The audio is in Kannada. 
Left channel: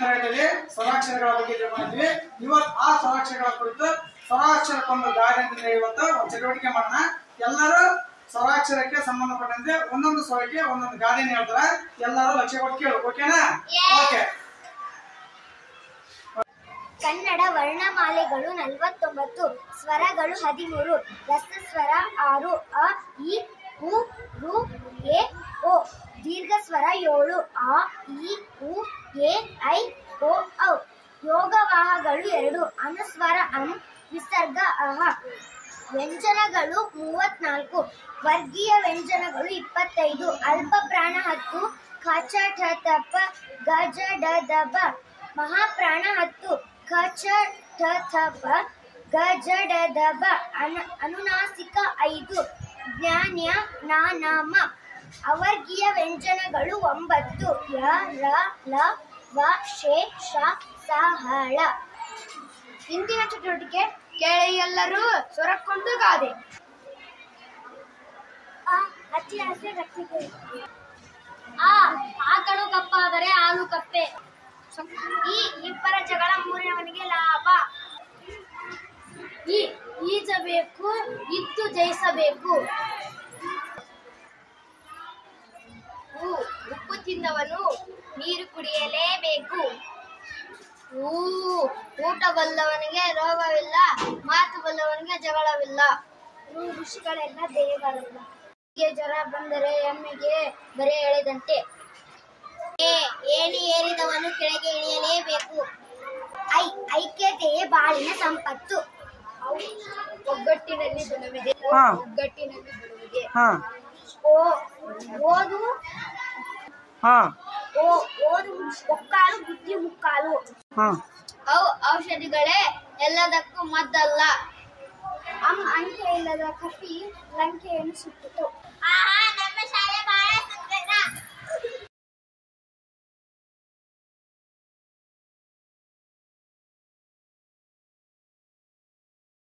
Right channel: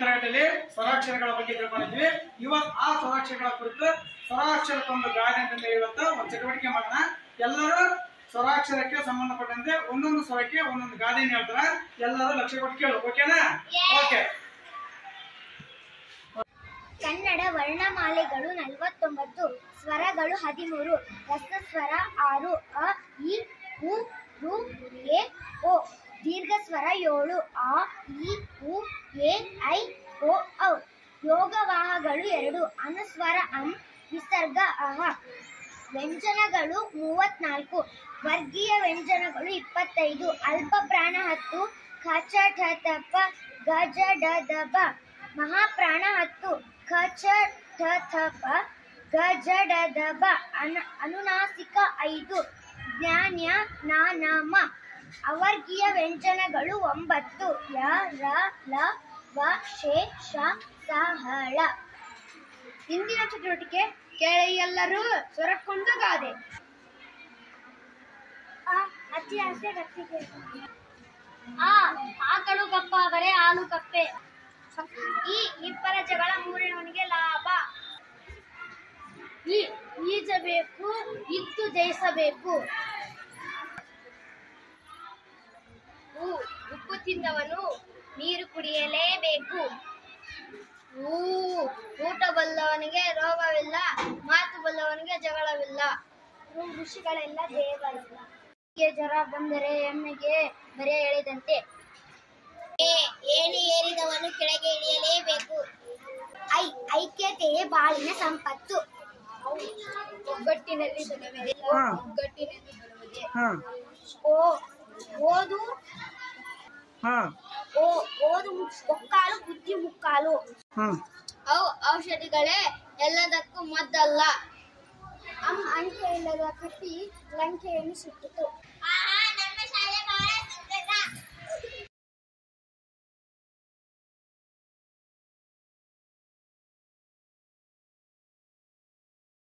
ತರಗತಿಯಲ್ಲಿ ಸ್ವರಾಕ್ಷರಗಳ ಬಗ್ಗೆ ತಿಳ್ಕೊಂಡಿದ್ವಿ. ಇವತ್ತು ಆ ಸ್ವರಾಕ್ಷರಗಳ ಕುರಿತು ಸ್ವರಾಕ್ಷರಕ್ಕೊಂದು ಗಾದೆ ಅಂತ ಇವತ್ತು ಒಂದು ಚಟುವಟಿಕೆ ಮಾಡೋಣ. ಎಲ್ಲರೂ ಸ್ವರಾಕ್ಷರಕ್ಕೆ ಸಂಬಂಧಪಟ್ಟಂತೆ ಒಂದೊಂದು ಸ್ವರಕ್ಕೆ ಒಂದೊಂದು ಗಾದೆಯನ್ನು ಹೇಳ್ತಾರೆ. ಎಲ್ಲರೂ ಲಕ್ಷ್ಯ ಕೊಟ್ಟು ಕೇಳು. ಓಕೆನಾ? ಓಕೆ. ಕನ್ನಡ ವರ್ಣಮಾಲೆಗಳು 49, ಸ್ವರಗಳು 13, ರಸಸ್ವರ 6, ಅ, ಇ, ಉ, ಋ, ಎ, ಓ. ದೀರ್ಘ ಸ್ವರ 7, ಆ, ಇ, ಉ, ಎ, ಐ, ಓ, ಔ. ಯೋಗವಾಹಗಳು 2, ಅನುಸ್ವರ ಅಂ, ವಿಸರ್ಗ ಅಹ. ವ್ಯಂಜನಗಳು 34, ವರ್ಗೀಯ ವ್ಯಂಜನಗಳು 25, ಅಲ್ಪ ಪ್ರಾಣ 10, ಖ ಚ ಠ ತ ಪ ಗ ಜ ಡ ದ ಬ. ಮಹಾಪ್ರಾಣ 10, ಖ ಚ ಠ ಥ ಪ ಗ ಜ ಡ ದ ಬ. ಅನುನಾಸಿಕ 5, ಜ್ಞಾನ್ಯ ನ ನ ಮ. ಅವರ್ಗೀಯ ವ್ಯಂಜನಗಳು 9, ಯ ರ ಲ ವ ಶೇ ಶ ಸ ಹ ಳ. ಇಂದಿನ ಚಟುವಟಿಕೆ ಕೇಳಿ ಎಲ್ಲರೂ ಸ್ವರಕ್ಕೊಂದು ಗಾದೆ. ಅತಿ ಆಸೆ ಗತ್ತಿಗೆ. ಆಕಳು ಕಪ್ಪಾದರೆ ಹಾಲು ಕಪ್ಪೆ. ಈ ಇಬ್ಬರ ಜಗಳ ಮೂರನೆಯವನಿಗೆ ಲಾಭ. ಈಜಬೇಕು, ಇದ್ದು ಜಯಿಸಬೇಕು. ಉಪ್ಪು ತಿಂದವನು ನೀರು ಕುಡಿಯಲೇಬೇಕು. ಊಟ ಬಲ್ಲವನಿಗೆ ರೋಗವಿಲ್ಲ, ಮಾತು ಬಲ್ಲವನಿಗೆ ಜಗಳವಿಲ್ಲ. ಋಷಿಗಳೆಲ್ಲ ದೇವರಲ್ಲ. ಜ್ವರ ಬಂದರೆ ಎಮ್ಮೆಗೆ ಬರೆ ಎಳೆದಂತೆ. ಏಣಿ ಏರಿದವನು ಕೆಳಗೆ ಇಳಿಯಲೇಬೇಕು. ಐಕ್ಯತೆಯೇ ಬಾಳಿನ ಸಂಪತ್ತು. ಒಗ್ಗಟ್ಟಿನಲ್ಲಿ ಧನವಿದೆ, ಒಗ್ಗಟ್ಟಿನಲ್ಲಿ ಧನವಿದೆ. ಓದು ಮುಕ್ಕಾಲು, ಬುದ್ಧಿ ಮುಕ್ಕಾಲು. ಔಷಧಿಗಳೇ ಎಲ್ಲದಕ್ಕೂ ಮದ್ದಲ್ಲ. ಅಂಕೆ ಇಲ್ಲದ ಕಪಿ ಲಂಕೆಯನ್ನು ಸುಟ್ಟಿತು.